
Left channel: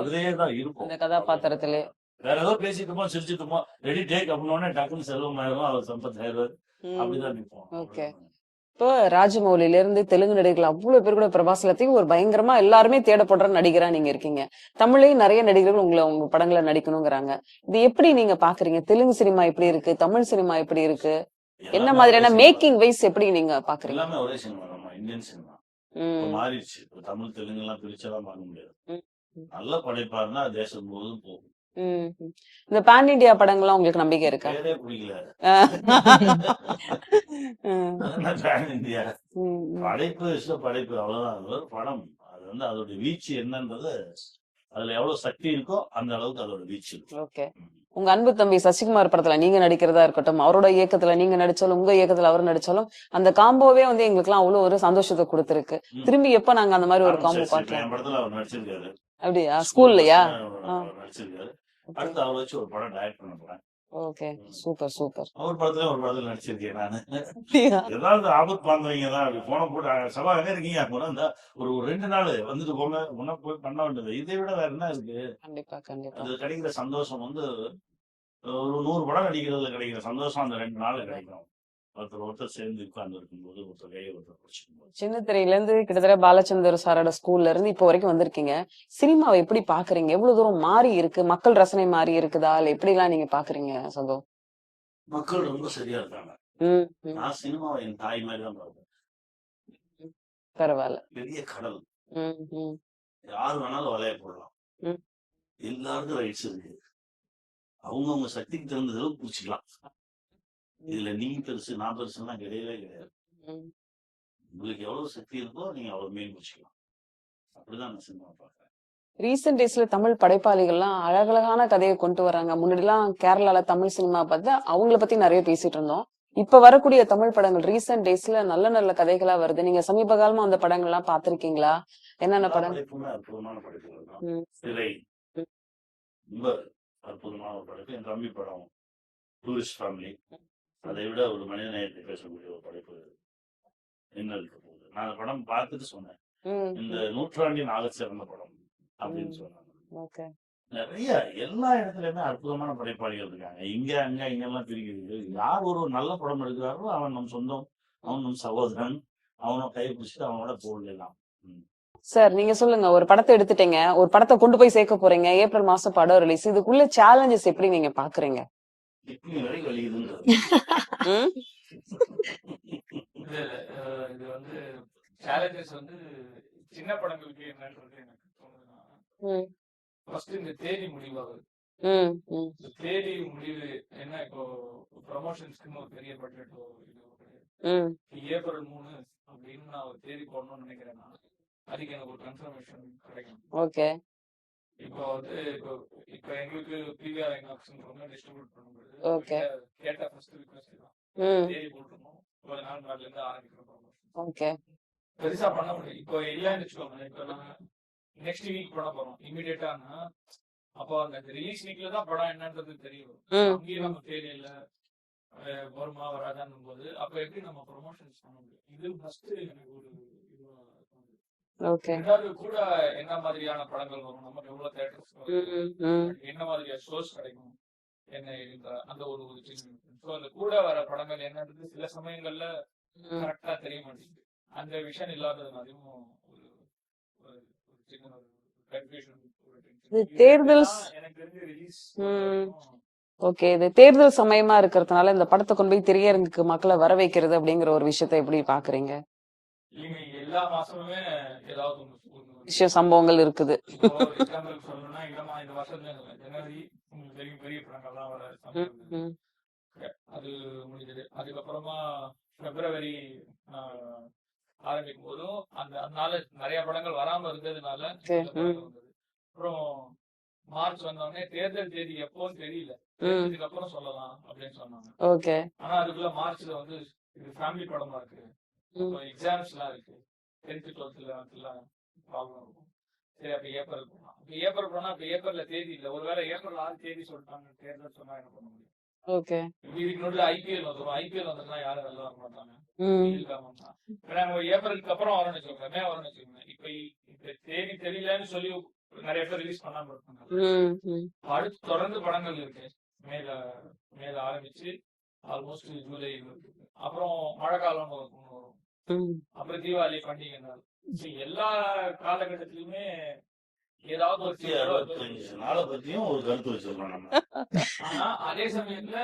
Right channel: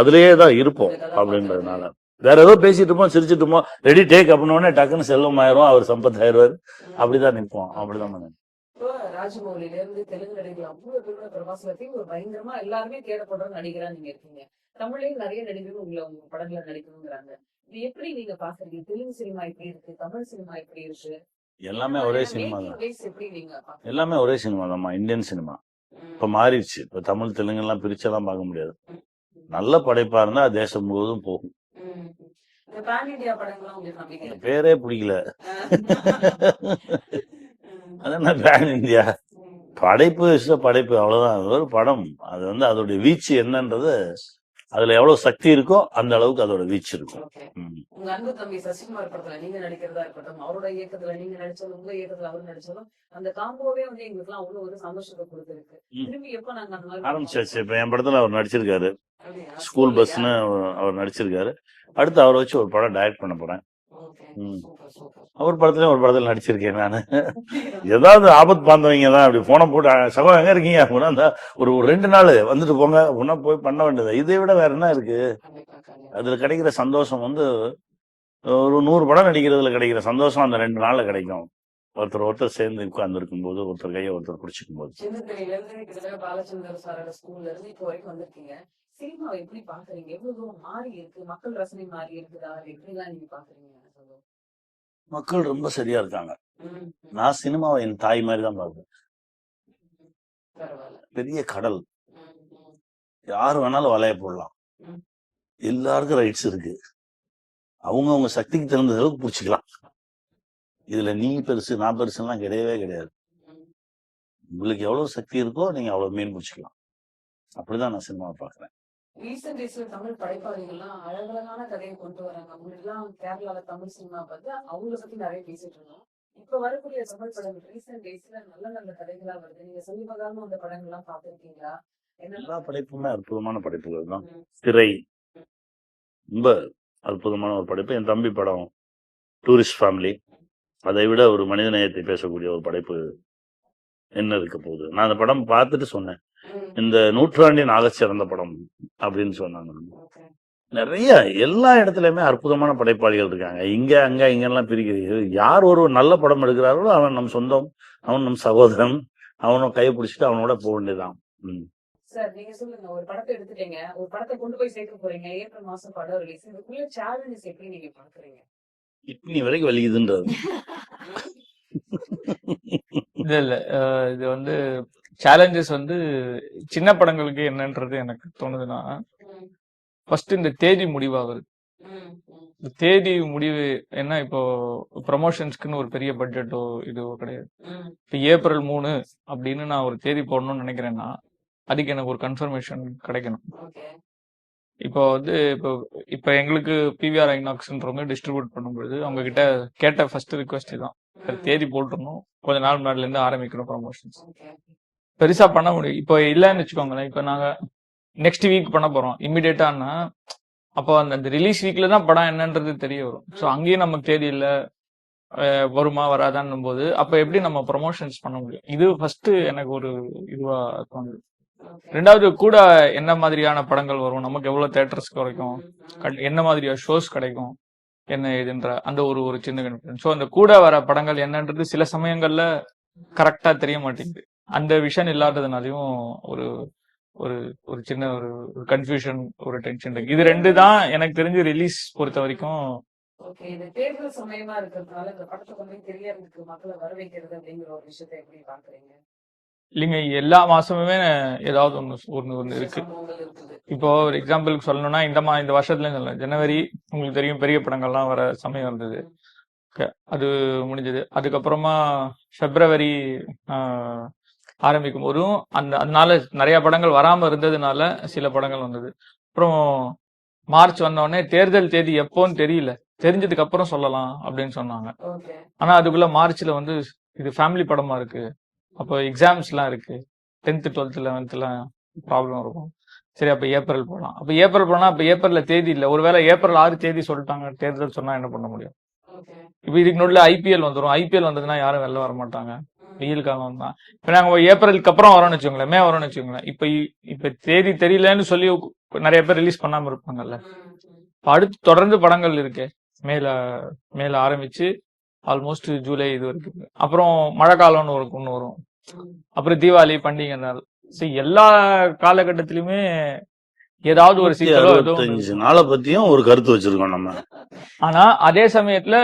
அதுலயே தான் இருப்போம் இந்த கதாபாத்திரத்திலே. அப்படின்றதுனால. வேற ஏதோ பேசிட்டு இருப்போம், சிரிச்சிட்டு இருப்போம், ரெடி டேக் அப்படின்னு உடனே டக்குன்னு செல்வம் ஆயிரும், அவர் சம்பத் ஆயிடுவாரு. ம். அப்படிதான் நிற்போம். ஓகே. அப்படிதான் நாங்க. இப்போ ராஜமௌலில இருந்து தெலுங்கு நடிகர்கள் அவ்வளவு பேர் கூட பிரபாஸ் எல்லாத்தையும் ஒரு பயங்கரமா எல்லாருமே தேடப்படுற நடிகரா நீங்க இருக்கீங்க. தமிழ்லயும் நிறைய நடிகர்கள் உங்க படங்களை நடிக்கணுங்கிறாங்க. இது எப்படி நீங்க பாக்குறீங்க? தெலுங்கு சினிமா எப்படி இருக்கு? தமிழ் சினிமா எப்படி இருக்கு? என்ன எல்லாமே ஒரே மாதிரியான சினிமா மேக்கிங் தான். வைஸ் எப்படி நீங்க பாக்குறீங்க? எல்லாமே ஒரே சினிமா தான்மா. இந்தியன் சினிமா இப்ப ம். மாறிடுச்சு. இப்ப தமிழ் தெலுங்கு எல்லாம் பிரிச்செல்லாம் பார்க்க முடியாது. ம். ம். நல்ல படைப்பா இருந்தா தேசம் முழுவதும் போகும். ம். இந்த பேன் இண்டியா படங்கள்லாம் உங்களுக்கு நம்பிக்கை இருக்கா? பேரே பிடிக்கல. ம். அது என்ன பேன் இந்தியா? ம். படைப்பு படைப்பு அவ்வளவுதான். அது ஒரு படம். அது வந்து அதோட வீச்சு என்னன்றது, அதுல எவ்வளவு சக்தி இருக்கோ அந்த அளவுக்கு அதோட வீச்சு இருக்கும். ஓகே. ம். உங்க அன்பு தம்பி சசிகுமார் படத்துல நீங்க நடிக்கிறதா இருக்கட்டும், அவரோட இயக்கத்துல நீங்க நடிச்சாலும், உங்க இயக்கத்துல அவர் நடிச்சாலும், அந்த காம்போவே வந்து எங்களுக்குலாம் அவ்வளவு ஒரு சந்தோஷத்தை கொடுத்திருக்கு. ம். திரும்பி எப்ப நாங்க அந்த மாதிரி ஒரு காம்போ ஆரம்பிச்சாச்சு. இப்ப பார்க்கலாம்? என் படத்துல அவர் நடிச்சிருக்காரு. அப்படியா? ஸ்கூல் ஸ்கூல்லயா? பஸ்ன்னு ஆ. அவர் நடிச்சிருக்காரு. அடுத்து அவரை வச்சு ஒரு படம் டைரக்ட் பண்ண போறேன். ஓகே. ம். Super, super. அவர் படத்துலயும் ஒரு படத்துல நடிச்சிருக்கேன் நானு. அப்படியா? ஏதாவது ஆபத்து பாந்தவங்க தான் அப்படி போன போட்டு சகோ எங்க இருக்கீங்க அப்படின்னா அந்த ஒரு 2 நாள் வந்துட்டு போங்க உன்ன போய் பண்ண வேண்டியது. இதை விட வேற என்ன இருக்கு? கண்டிப்பா, கண்டிப்பா. அதுல கிடைக்கிற சந்தோஷம் வந்து ஒரு 100 படம் நடிக்கிறதுல கிடைக்கிற சந்தோஷம் அந்த 2 நாள்ல கிடைக்கும். ஒருத்தர் சேர்ந்து உட்கார்ந்து இருக்கும்போது, ஒருத்தர் கையை ஒருத்தர் பிடிச்சிக்கும் போது. சின்ன திரையில இருந்து கிட்டத்தட்ட பாலச்சந்தர் சாரோட ஸ்கூல்ல இருந்து இப்போ வரைக்கும் வந்திருக்கீங்க. சினிமாவை எப்படி பாக்குறீங்க? எவ்வளவு தூரம் மாறி இருக்கு? மக்கள் ரசனை மாறி இருக்குதா? இல்ல எப்படிலாம் நீங்க பாக்குறீங்க சகோ? மக்கள் ரொம்ப சரியா இருக்காங்க. ம். ம். நான் சினிமாவை என் தாய் மாதிரி தான் பார்ப்பேன். ம். பரவாயில்ல. பெரிய கடல். ம். ம். யாரு வேணாலும் வலைய போடலாம். ம். எல்லாருக்கும் ரைட்ஸ் இருக்கு. அவங்க சக்திக்கு தகுந்த அளவுக்கு பிடிச்சிக்கலாம். இதுல நீ பெருசு நான் பெருசுலாம் கிடையவே கிடையாது. ம். உங்களுக்கு எவ்வளவு சக்தி இருக்கோ நீங்க அவ்வளவு மீன் பிடிச்சிக்கலாம். அப்படிதான் நான் சினிமாவை பாக்குறேன். ரீசென்ட் டேஸ்ல தமிழ் படைப்பாளிகள்லாம் அழகழகான கதையை கொண்டு வராங்க. முன்னாடிலாம் கேரளால தமிழ் சினிமா பார்த்து அவங்கள பத்தி நிறைய பேசிட்டு இருந்தோம். இப்ப வரக்கூடிய தமிழ் படங்கள் ரீசென்ட் டேஸ்ல நல்ல நல்ல கதைகளா வருது. நீங்க சமீப காலமா அந்த படங்கள்லாம் பார்த்திருக்கீங்களா? என்னென்ன எல்லா படம்? படைப்புமே அற்புதமான படைப்புகள் தான். ம். திரை ம். ரொம்ப அற்புதமான ஒரு படைப்பு. என் தம்பி படம் டூரிஸ்ட் ஃபேமிலி. அதை விட ஒரு மனித நேயத்தை பேசக்கூடிய ஒரு படைப்பு என்ன இருக்க போகுது. நான் அந்த படம் பார்த்துட்டு சொன்னேன். ம். இந்த நூற்றாண்டின் ஆகச் சிறந்த படம் அப்படின்னு சொன்னாங்க. ஓகே. நிறைய எல்லா இடத்துலயுமே அற்புதமான படைப்பாளிகள் இருக்காங்க. இங்க அங்க இங்கெல்லாம் பிரிக்கிறது. யார் ஒரு நல்ல படம் எடுக்கிறாரோ அவன் நம் சொந்தம், அவன் நம் சகோதரன், அவனை கை பிடிச்சிட்டு அவனோட போக வேண்டியதான். சார் நீங்க சொல்லுங்க. ஒரு படத்தை எடுத்துட்டீங்க. ஒரு படத்தை கொண்டு போய் சேர்க்க போறீங்க. ஏப்ரல் மாசம் படம் ரிலீஸ். இதுக்குள்ள சேலஞ்சஸ் எப்படி நீங்க பாக்குறீங்க? கிட்னி வரைக்கும் வலிக்குதுன்றது. ம்? இல்ல இது வந்து சேலஞ்சஸ் வந்து சின்ன படங்களுக்கு என்னன்றது எனக்கு தோணுதுன்னா, ம். ஃபர்ஸ்ட் இந்த தேதி முடிவாகுது. ம். ம். இந்த தேதி முடிவு என்ன இப்போ ப்ரமோஷன்ஸ்க்குன்னு ஒரு பெரிய பட்ஜெட்டோ இதுவோ கிடையாது. ம். இப்போ ஏப்ரல் 3 அப்படின்னு நான் ஒரு தேதி போடணும்னு நினைக்கிறேன்னா அதுக்கு எனக்கு ஒரு கன்ஃபர்மேஷன் கிடைக்கணும். ஓகே. இப்போ வந்து இப்போ எங்களுக்கு பிவிஆர் ஐநாக்ஸ்ன்றவங்க டிஸ்ட்ரிபியூட் பண்ணும்போது அவங்க ஓகே. கிட்ட கேட்ட ஃபர்ஸ்ட் ரிக்வெஸ்ட் தான். ம். தேதி போட்டுறணும், கொஞ்ச நாள் முன்னாடில இருந்து ஆரம்பிக்கணும் ப்ரமோஷன்ஸ். ஓகே. பெருசா பண்ண முடியும். இப்போ இல்லைன்னு வச்சுக்கோங்களேன். இப்போ நாங்க நெக்ஸ்ட் வீக் பண்ண போறோம் இம்மிடியேட்டானா, அப்போ அந்த ரிலீஸ் வீக்ல தான் படம் என்னன்றது தெரிய வரும். ஸோ ம். அங்கேயும் நமக்கு தேதி இல்ல, வருமா வராதான்னும் போது அப்ப எப்படி நம்ம ப்ரமோஷன்ஸ் பண்ண முடியும்? இது ஃபர்ஸ்ட் எனக்கு ஒரு இதுவா தோணுது. ஓகே. ரெண்டாவது கூட என்ன மாதிரியான படங்கள் வரும், நமக்கு எவ்வளவு தேட்டர்ஸ் கிடைக்கும், ம். ம். என்ன மாதிரியா ஷோஸ் கிடைக்கும், என்ன இதுன்ற அந்த ஒரு சின்ன கன்ஃபியூஷன். ஸோ அந்த கூட வர படங்கள் என்னன்றது சில சமயங்கள்ல ம். கரெக்டா தெரிய மாட்டேங்குது. அந்த விஷன் இல்லாததுனாலையும் ஒரு ஒரு ஒரு சின்ன ஒரு கன்ஃபியூஷன், ஒரு டென்ஷன் இது இருக்கு. இது 2 தேர்தல் தான் எனக்கு தெரிஞ்சு ரிலீஸ் பொறுத்த ம். வரைக்கும். ஓகே. இது தேர்தல் சமயமா இருக்கிறதுனால இந்த படத்த கொண்டு போய் திரையரங்குக்கு மக்கள வர வைக்கிறது அப்படிங்கிற ஒரு விஷயத்த எப்படி பாக்குறீங்க? இல்லைங்க, எல்லா மாசமுமே ஏதாவது ஒண்ணு ஒண்ணு ஒண்ணு விஷய இருக்கு. சம்பவங்கள் இருக்குது. இப்போ ஒரு எக்ஸாம்பிளுக்கு சொல்லணும்னா இந்த வருஷத்துலயும் சொல்லலாம். ஜனவரி உங்களுக்கு தெரியும், பெரிய படங்கள்லாம் வர சமயம் இருந்தது. ம். ஓகே, அது முடிஞ்சது. அதுக்கப்புறமா பிப்ரவரி ஆரம்பிக்கும் போதும் அதனால நிறைய படங்கள் வராம இருந்ததுனால சில ம். படங்கள் வந்தது. அப்புறம் மார்ச் வந்த உடனே தேர்தல் தேதி எப்போன்னு தெரியல, தெரிஞ்சதுக்கு அப்புறம் சொல்லலாம் அப்படின்னு சொன்னாங்க. ஓகே. ஆனா அதுக்குள்ள மார்ச்ல வந்து இது ஃபேமிலி படமா இருக்கு, அப்போ எக்ஸாம்ஸ் எல்லாம் இருக்கு, 10th 12th 11th எல்லாம் ப்ராப்ளம் இருக்கும். சரி, அப்ப ஏப்ரல் போலாம். அப்ப ஏப்ரல் போனா அப்ப ஏப்ரல்ல தேதி இல்ல. ஒருவேளை ஏப்ரல் 6 தேதி சொல்லிட்டாங்க, தேர்தல் சொன்னா என்ன பண்ண முடியும்? ஓகே. இப்ப இதுக்கு நடுவுல ஐபிஎல் வந்துரும். ஐபிஎல் வந்ததுன்னா யாரும் வெளில வர மாட்டாங்க, ம். வெயில் காலம் தான். இப்ப நாங்க ஏப்ரலுக்கு அப்புறம் வரோம்னு வச்சுக்கோங்களேன், மே வரோம்னு வச்சுக்கோங்களேன், இப்ப தேதி தெரியலன்னு சொல்லி நிறைய பேர் ரிலீஸ் பண்ணாம இருப்பாங்கல்ல. ம். ம். இப்ப அடுத்து தொடர்ந்து படங்கள் இருக்கு. மேல ஆரம்பிச்சு ஆல்மோஸ்ட் ஜூலை இது வரைக்கும். அப்புறம் மழை காலம்னு ஒண்ணு வரும். ம். அப்புறம் தீபாவளி பண்டிகை நாள். எல்லா காலகட்டத்திலுமே ஏதாவது ஒரு சிக்கலோ ஏதோ ஒண்ணு 365 இருக்கும். நாளை பத்தியும் ஒரு கருத்து வச்சிருக்கோம் நம்ம. ஆனா அதே சமயத்துல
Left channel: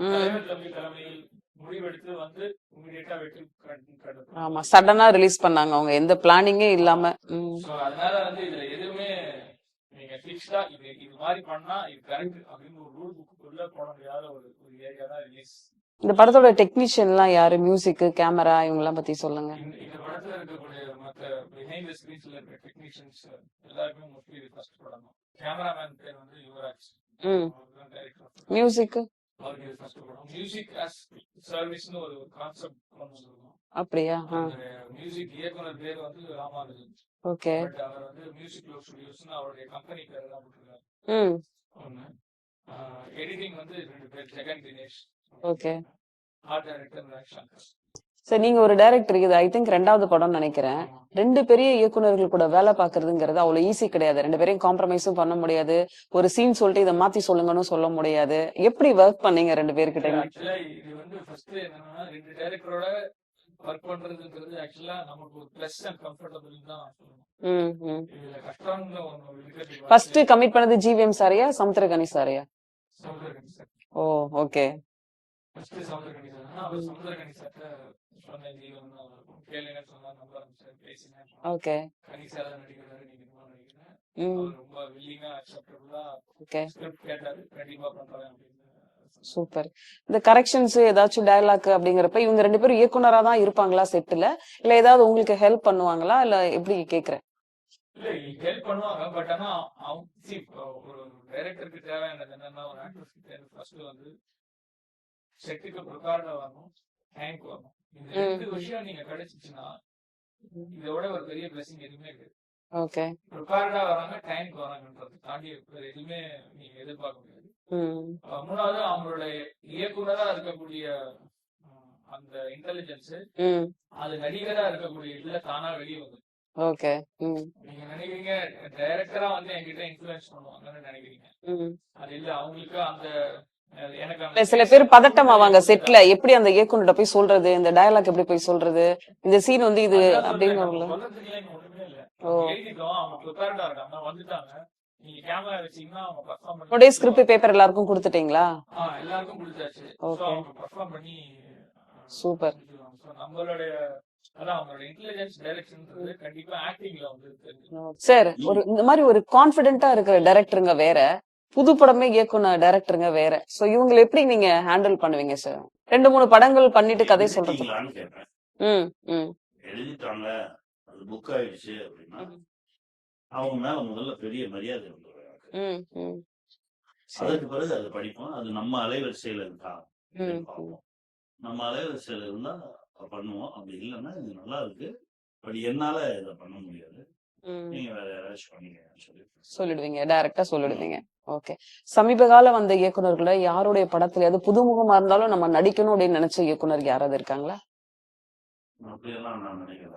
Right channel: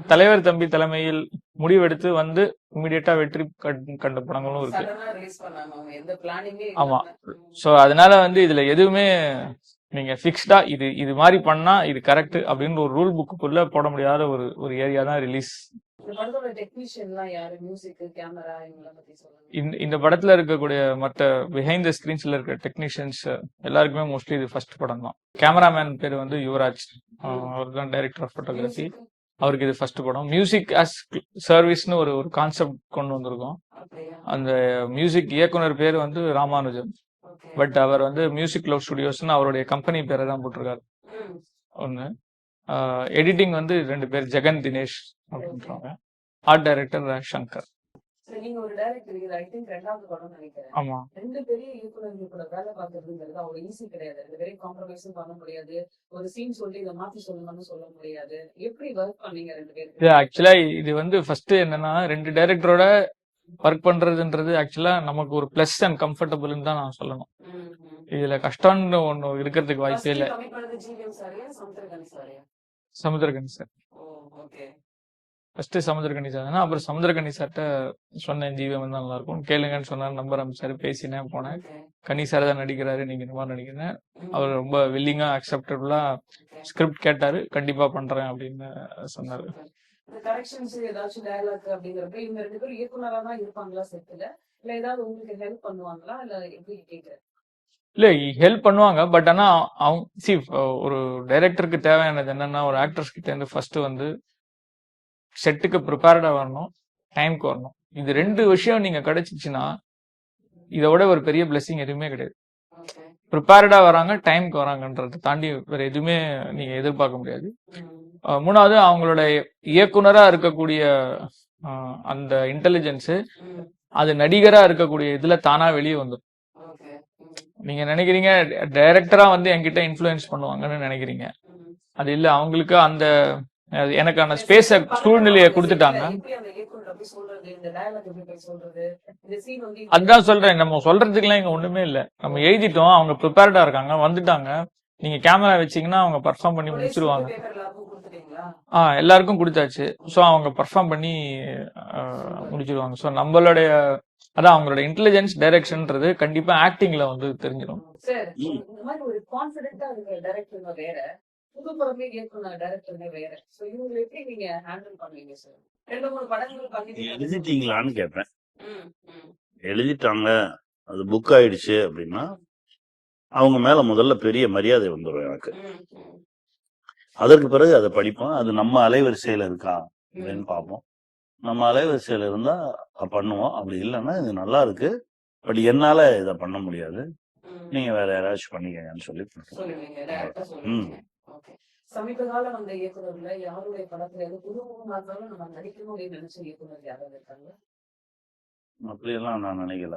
ம். தலைவர் தம்பி தலைமையில் முடிவெடுத்து வந்து இமிடியேட்டா வெற்றி கண்ட ஆமா. படங்களும் இருக்கு. சடனா ரிலீஸ் பண்ணாங்க அவங்க, எந்த பிளானிங்கே ஆமா. இல்லாம. ம். சோ அதனால வந்து இதுல எதுவுமே நீங்க பிக்ஸ்டா இது மாதிரி பண்ணா இது கரெக்ட் அப்படின்னு ஒரு ரூல் புக்குள்ள போட முடியாத ஒரு ஏரியா தான் ரிலீஸ். இந்த படத்தோட டெக்னீஷியன் எல்லாம் யாரு? மியூசிக், கேமரா இவங்க எல்லாம் பத்தி சொல்லுங்க. இந்த படத்துல இருக்கக்கூடிய மற்ற பிஹைண்ட் த ஸ்கிரீன்ஸ்ல இருக்க டெக்னீஷியன்ஸ் எல்லாருக்குமே மோஸ்ட்லி இது ஃபர்ஸ்ட் படம் தான். கேமராமேன் பேர் வந்து யுவராஜ், ம். அவர் தான் டைரக்டர் ஆஃப் ஃபோட்டோகிராஃபி. மியூசிக் அவருக்கு இது ஃபர்ஸ்ட் படம். மியூசிக் ஆஸ் சர்வீஸ்னு ஒரு கான்செப்ட் கொண்டு வந்திருக்கோம். அப்படியா? அந்த மியூசிக் இயக்குனர் பேர் வந்து ராமானுஜம். ஓகே. பட் அவர் வந்து மியூசிக் லவ் ஸ்டுடியோஸ்னு அவருடைய கம்பெனி பேரை தான் போட்டிருக்காரு. ம். ஒண்ணு. எடிட்டிங் வந்து 2 பேர், ஜெகன் தினேஷ் ஓகே. அப்படின்றாங்க. Art director Shankar. சரி, நீங்க ஒரு டைரக்டர், இது ஐ திங்க் 2வது படம்னு நினைக்கிறேன். ஆமா. 2 பெரிய இயக்குனர்கள் கூட வேலை பாக்குறதுங்கிறது அவ்வளவு ஈஸி கிடையாது. 2 பேரையும் காம்ப்ரமைஸும் பண்ண முடியாது. ஒரு சீன் சொல்லிட்டு இதை மாத்தி சொல்லுங்கன்னு சொல்ல முடியாது. எப்படி ஒர்க் பண்ணீங்க 2 இது பேர்கிட்ட? ஆக்சுவலா இது வந்து ஃபர்ஸ்ட் என்னன்னா 2 டைரக்டரோட ஒர்க் பண்றதுன்றது ஆக்சுவலா நமக்கு ஒரு பிளஸ் அண்ட் கம்ஃபர்டபுள்னு தான் நான் சொல்லணும். ம். ம். இதுல கஷ்டம்னு ஒண்ணு இருக்கிறதுக்கு வாய்ப்பே ஃபர்ஸ்ட் இல்லை. கமிட் பண்ணது ஜிவிஎம் சாரியா சமுத்திரகனி சாரியா? சமுத்திரகனி சார். ஓ, ஓகே. ஃபர்ஸ்ட் சமுத்திரகனி சார் தான். அப்புறம் சமுத்திரகனி சார்ட்ட சொன்னேன், ஜீவம் வந்து நல்லா இருக்கும் கேளுங்கன்னு சொன்னாரு. நம்பர் அமைச்சாரு, பேசினேன், போனேன். ஓகே. கனி சார் தான் நடிக்கிறாரு, நீங்க இந்த மாதிரி நடிக்கிறேன். ம். அவர் ரொம்ப வில்லிங்கா அக்செப்டபிளா ஓகே. ஸ்கிரிப்ட் கேட்டாரு, கண்டிப்பா பண்றேன் அப்படின்னு சொன்னாரு. சூப்பர். இந்த கரெக்ஷன்ஸ் ஏதாச்சும் டயலாக் அப்படிங்கறப்ப இவங்க 2 பேரும் இயக்குனரா தான் இருப்பாங்களா செட்ல, இல்ல ஏதாவது உங்களுக்கு ஹெல்ப் பண்ணுவாங்களா, இல்ல எப்படி கேக்குறேன்? இல்ல, ஹெல்ப் பண்ணுவாங்க. பட் ஆனா அவங்க ஒரு டைரக்டருக்கு தேவையானது என்னன்னா, ஒரு ஆக்டர்ஸ் கிட்ட இருந்து ஃபர்ஸ்ட் வந்து செட்டுக்கு ப்ரிப்பேர்டா வரணும், டைம்க்கு வரணும். இது 2 விஷயம் நீங்க கிடைச்சிச்சுன்னா இதை விட ஒரு பெரிய பிளெஸிங் எதுவுமே கிடையாது. ஓகே. ப்ரிப்பேர்டா வராங்க, டைம்க்கு வராங்கன்றதை தாண்டி வேற எதுவுமே நீங்க எதிர்பார்க்க முடியாது. ம். 3வது அவங்களோட இயக்குனரா இருக்கக்கூடிய அந்த இன்டெலிஜென்ஸ் ம். அது நடிகரா இருக்கக்கூடிய இதுல தானா வெளியே வந்துடும். ஓகே. ம். நீங்க நினைக்கிறீங்க டைரக்டரா வந்து என்கிட்ட இன்ஃப்ளூயன்ஸ் பண்ணுவாங்கன்னு நினைக்கிறீங்க. ம். அது இல்ல, அவங்களுக்கு அந்த எனக்கான சில ஸ்பேஸ் பேர் பதட்டம் சூழ்நிலையை ஆவாங்க செட்ல. கொடுத்துட்டாங்க. எப்படி அந்த இயக்குனர்கிட்ட போய் சொல்றது, இந்த டயலாக் எப்படி போய் சொல்றது, இந்த சீன் வந்து இது அதுதான் சொல்றேன், அப்படின்னு நம்ம சொல்றதுக்குலாம் இங்க ஒண்ணுமே இல்ல. நம்ம ஓ. எழுதிட்டோம், அவங்க ப்ரிப்பேர்டா இருக்காங்க, வந்துட்டாங்க. நீங்க கேமரா வச்சீங்கன்னா அவங்க பெர்ஃபார்ம் பண்ணி அப்படியே ஸ்கிரிப்ட் முடிச்சிருவாங்க. பேப்பர் எல்லாருக்கும் கொடுத்துட்டீங்களா? எல்லாருக்கும் கொடுத்தாச்சு. So okay. அவங்க பெர்ஃபார்ம் பண்ணி சூப்பர். முடிச்சிருவாங்க. சோ நம்மளுடைய அதான் அவங்களோட இன்டெலிஜென்ஸ் டைரக்ஷன்ன்றது கண்டிப்பா ஆக்டிங்ல வந்து தெரிஞ்சிடும். சார், ஒரு இந்த மாதிரி ஒரு கான்பிடென்ட்டா இருக்கிற டைரக்டருங்க வேற, புது படமே இயக்குன டைரக்டருங்க வேற. சோ இவங்களை எப்படி நீங்க ஹேண்டில் பண்ணுவீங்க சார்? 2-3 படங்கள் பண்ணிட்டு கதை சொல்றது. எழுதிட்டீங்களான்னு கேட்பேன். ம். ம். எழுதிட்டாங்க, அது புக் ஆயிடுச்சு அப்படின்னா அவங்க மேல முதல்ல பெரிய மரியாதை வந்துடும் எனக்கு. ம். ம். அதற்கு பிறகு அதை படிப்போம், அது நம்ம அலைவரிசையில இருக்கா ம். அப்படின்னு பார்ப்போம். நம்ம அலைவரிசையில இருந்தா பண்ணுவோம், அப்படி இல்லைன்னா இது நல்லா இருக்கு, பட் என்னால இதை பண்ண முடியாது, ம். நீங்க வேற யாராச்சும் பண்ணிக்கங்கன்னு சொல்லி சொல்லிடுவீங்க, டைரக்டா சொல்லிடுவீங்க. ஓகே. சமீப கால வந்த இயக்குனர்கள யாருடைய படத்துலயாவது புதுமுகமா இருந்தாலும் நம்ம நடிக்கணும் அப்படின்னு நினைச்ச இயக்குனர் யாராவது இருக்காங்களா? அப்படியெல்லாம் நான் நினைக்கல.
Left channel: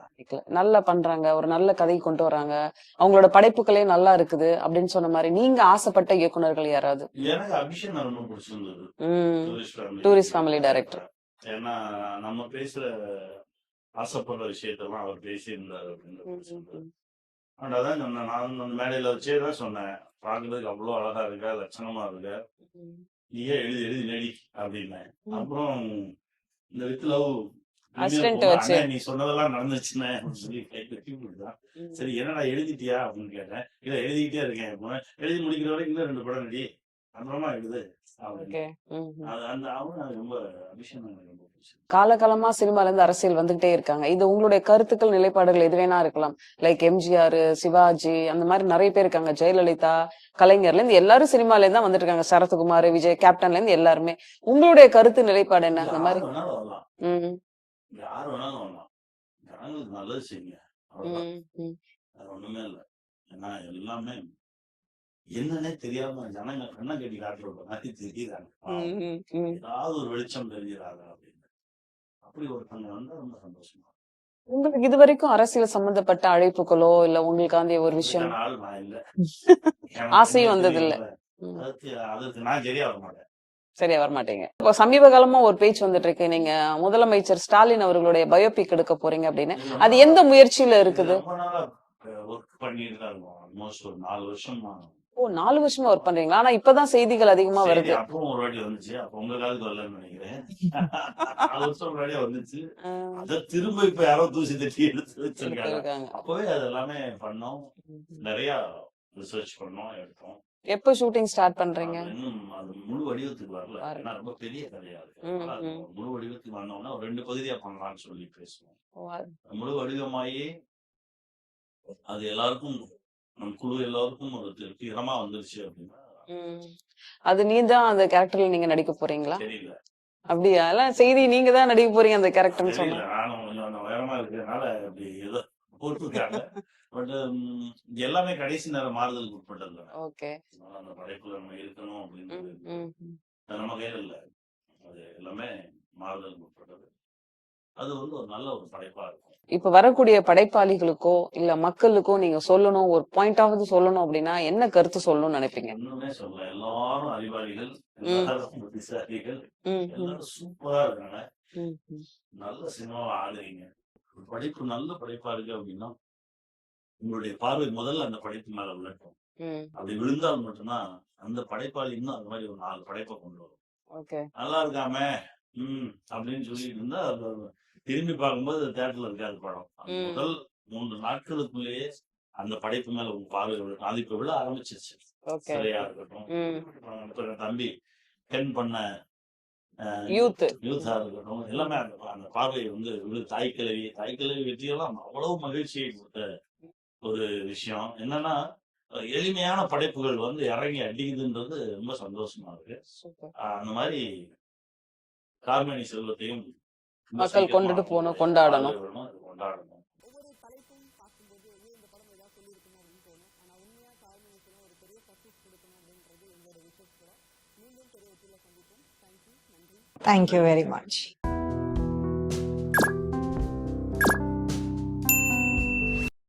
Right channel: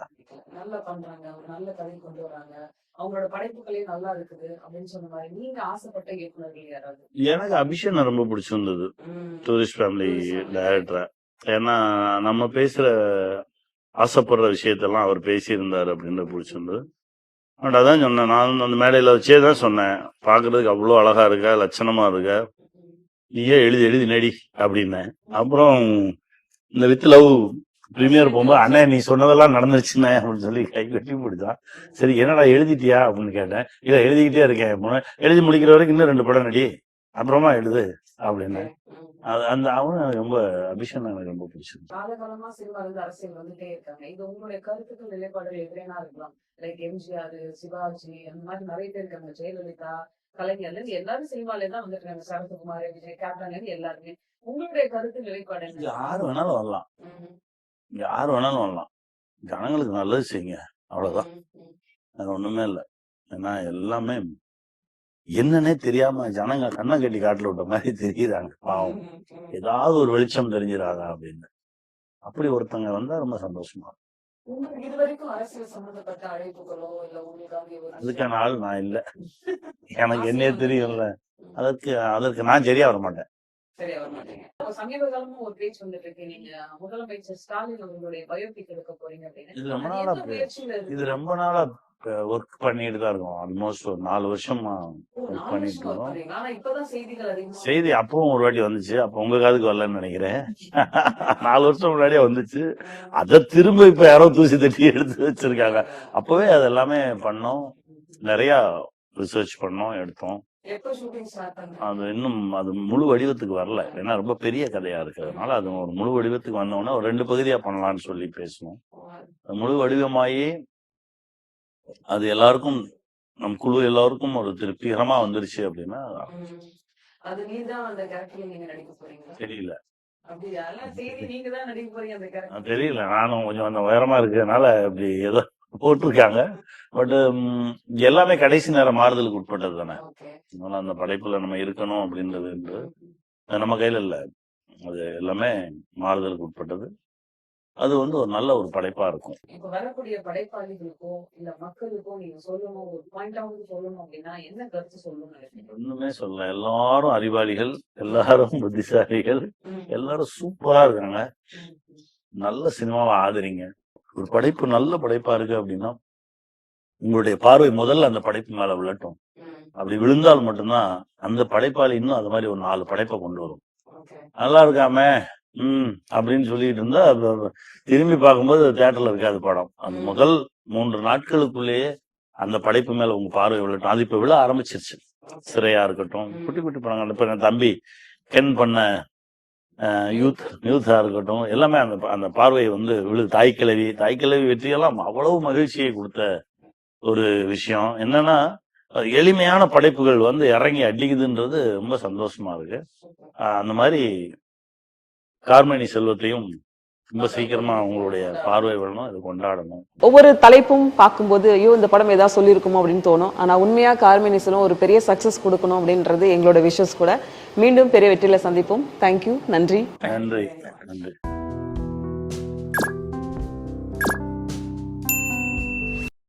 நல்லா பண்றாங்க, ஒரு நல்ல கதை கொண்டு வராங்க, அவங்களோட படைப்புகளே நல்லா இருக்குது அப்படின்னு சொன்ன மாதிரி நீங்க ஆசைப்பட்ட இயக்குனர்கள் யாராவது? எனக்கு அபிஷேனை ரொம்ப பிடிச்சிருந்தது, ம். Tourist tourist family family director. Director. ஏன்னா நம்ம பேசுற ஆசைப்படுற விஷயத்தெல்லாம் அவர் பேசியிருந்தாரு அப்படின்றது பிடிச்சிருந்தது. அதான் சொன்னேன், நான் அந்த மேடையில வச்சே தான் சொன்னேன், பாக்குறதுக்கு அவ்வளவு அழகா இருக்க, லட்சணமா இருக்க, நீயே எழுதி எழுதி நடி அப்படின்னேன். அப்புறம் இந்த வித் லவ் பிரீமியர் Assistant போகும்போது, வச்சு. அண்ணே நீ சொன்னதெல்லாம் நடந்துருச்சுண்ணே அப்படின்னு சொல்லி கை கட்டி பிடிச்சான். சரி என்னடா எழுதிட்டியா அப்படின்னு கேட்டேன். இல்ல எழுதிக்கிட்டே இருக்கேன். எழுதி முடிக்கிற வரைக்கும் இன்னும் 2 படம் நடி, அப்புறமா எழுது அப்படின்னு. அது அந்த அவன் ரொம்ப அபிஷன் எனக்கு ரொம்ப பிடிச்சிருக்கு. காலகாலமா சினிமால இருந்து அரசியல் வந்துகிட்டே இருக்காங்க. இது உங்களுடைய கருத்துக்கள், நிலைப்பாடுகள் எது வேணா இருக்கலாம். லைக் எம்ஜிஆர், சிவாஜி, அந்த மாதிரி நிறைய பேர் இருக்காங்க. ஜெயலலிதா, கலைஞர்ல இருந்து எல்லாரும் சினிமால இருந்து தான் வந்துட்டு இருக்காங்க. சரத்குமார், விஜய், கேப்டன்ல இருந்து எல்லாருமே. உங்களுடைய கருத்து நிலைப்பாடு என்ன? அந்த யார் மாதிரி. வேணாலும் வரலாம், ம், யார் வேணாலும் வரலாம். ஜனங்களுக்கு நல்லது செய்யுங்க, அவ்வளவுதான். ம், ம். அது ஒண்ணுமே இல்லை. ஏன்னா எல்லாமே என்னன்னே தெரியாம ஜனங்க கண்ணை கட்டி காட்டுல விட்ட மாதிரி தெரியுறாங்க. பாவம், ம், ம். ஏதாவது ஒரு வெளிச்சம் தெரிஞ்சிடாதா அப்படின்னு. அப்படி ஒருத்தங்க வந்தா ரொம்ப சந்தோஷமா இருக்கும். உங்களுக்கு இது வரைக்கும் அரசியல் சம்பந்தப்பட்ட அழைப்புகளோ இல்ல உங்களுக்காண்டி ஒரு விஷயம் அதுக்கான ஆள் நான் இல்ல. எனக்கு ஆசையும் என்ன வந்தது இல்ல. தெரியும்ல, ம். அதற்கு நான் சரியா வர மாட்டேன். சரியா வரமாட்டீங்க. இப்போ சமீப காலமா ஒரு பேச்சு வந்துட்டு இருக்கு, நீங்க முதலமைச்சர் ஸ்டாலின் அவர்களுடைய பயோபிக் எடுக்க போறீங்க அப்படின்னு. இது ரொம்ப அது எந்த நாளா முயற்சியில இது இருக்குது? ரொம்ப நாளா ஒர்க் பண்ணிட்டு தான் இருக்கோம். ஆல்மோஸ்ட் ஒரு 4 வருஷமா ஓ, ஒர்க் 4 பண்ணிட்டு வருஷமா ஒர்க் இருக்கோம். பண்றீங்களா? ஆனா இப்பதான் செய்திகள் அதிகமா செய்தி வருது. அப்பவும் ஒரு வாட்டி வந்துச்சு, அப்ப உங்க காதுக்கு வரலன்னு நினைக்கிறேன். 4 வருஷம் முன்னாடியே வந்துச்சு. ம். அத திரும்ப இப்ப யாரோ தூசி தட்டி எடுத்து வச்சிருக்காங்க. இருக்காங்க. அப்பவே அது எல்லாமே பண்ணோம், நிறைய ரிசர்ச் பண்ணோம், எடுத்தோம். எப்ப ஷூட்டிங் ஸ்டார்ட் பண்றீங்க? அது இன்னும் அது முழு வடிவத்துக்கு வரல. ஏன்னா ரொம்ப பெரிய கதையா இருக்கிறதுனால அது ஒரு முழு வடிவத்துக்கு வந்தோடனே ஒரு 2 பகுதியா பண்ணலாம்னு சொல்லி பேசணும். அது முழு வடிவமாயி அது எல்லாருக்கும், நம் குழு எல்லாருக்கும் ஒரு திருப்திகரமா வந்துருச்சு அப்படின்னா ம். அது நீதான் அந்த கேரக்டர்ல நீங்க நடிக்க போறீங்களா? தெரியல. அப்படியா? எல்லாம் செய்தி நீங்க தான் நடிக்க போறீங்க அந்த கேரக்டர்னு தெரியல, சொல்லுங்க. நானும் கொஞ்சம் அந்த உயரமா இருக்கிறதுனால அப்படி ஏதோ போட்டிருக்காங்க. பட் எல்லாமே கடைசி நேரம் மாறுதலுக்கு உட்பட்டது தானே. ஓகே. அதனால அந்த படைப்புல நம்ம இருக்கணும் அப்படின்றது ம். அது நம்ம கையில இல்ல. அது எல்லாமே மாறுதலுக்கு உட்பட்டது. அது ஒரு நல்ல ஒரு படைப்பா இருக்கும். இப்ப வரக்கூடிய படைப்பாளிகளுக்கோ இல்ல மக்களுக்கோ நீங்க சொல்லணும், ஒரு பாயிண்டாவது சொல்லணும் அப்படின்னா என்ன கருத்து சொல்லணும்னு நினைப்பீங்க? ஒண்ணுமே சொல்ல, எல்லாரும் அறிவாளிகள், எல்லாரும் புத்திசாலிகள், ம், ம், எல்லாரும் சூப்பரா இருக்காங்க. ம், ம். நல்ல சினிமாவை ஆதரிங்க. ஒரு படைப்பு நல்ல படைப்பா இருக்கு அப்படின்னா உங்களுடைய பார்வை முதல்ல அந்த படைப்பு மேல விழட்டும். ம். அப்படி விழுந்தால் மட்டும்தான் அந்த படைப்பாளி இன்னும் அது மாதிரி ஒரு 4 படைப்பை கொண்டு வரும். ஓகே. நல்லா இருக்காம அப்படின்னு சொல்லிட்டு இருந்தா திரும்பி பார்க்கும்போது தியேட்டர்ல இருக்காது படம். அந்த ம். முதல் 3 நாட்களுக்குள்ளேயே அந்த படைப்பு மேல உங்க பார்வை விழட்டும். அது இப்ப விழ ஆரம்பிச்சிருச்சு. ஓகே. சிறையா இருக்கட்டும், ம். குட்டி குட்டி படங்கள், இப்ப என் தம்பி கென் பண்ண யூத். யூத்தா இருக்கட்டும், எல்லாமே அந்த அந்த பார்வை விழுது. தாய்க்கிழவி வெற்றியெல்லாம் அவ்வளவு மகிழ்ச்சியை கொடுத்த ஒரு விஷயம். என்னன்னா எளிமையான படைப்புகள் இறங்கி அடிக்குதுன்றது ரொம்ப சந்தோஷமா இருக்கு. சூப்பர். அந்த மாதிரி கார்மேனி செல்வத்தையும் ரொம்ப மக்கள் சீக்கிரமா கொண்டுட்டு போகணும், உங்களுடைய கொண்டாடணும். பார்வை விழணும், இது கொண்டாடணும். ஒவ்வொரு தலைப்பும் பார்க்கும்போது ஐயோ இந்த படம் ஏதாவது சொல்லியிருக்குமோ அப்படின்னு தோணும். ஆனா உண்மையா கார்மேனி செல்வம் ஒரு பெரிய சக்சஸ் கொடுக்கணும் அப்படின்றது எங்களோட விஷஸ் கூட. மீண்டும் பெரிய வெற்றியில சந்திப்போம். தேங்க்யூ, நன்றி. தேங்க்யூ நன்றி, வெரி மச். நன்றி.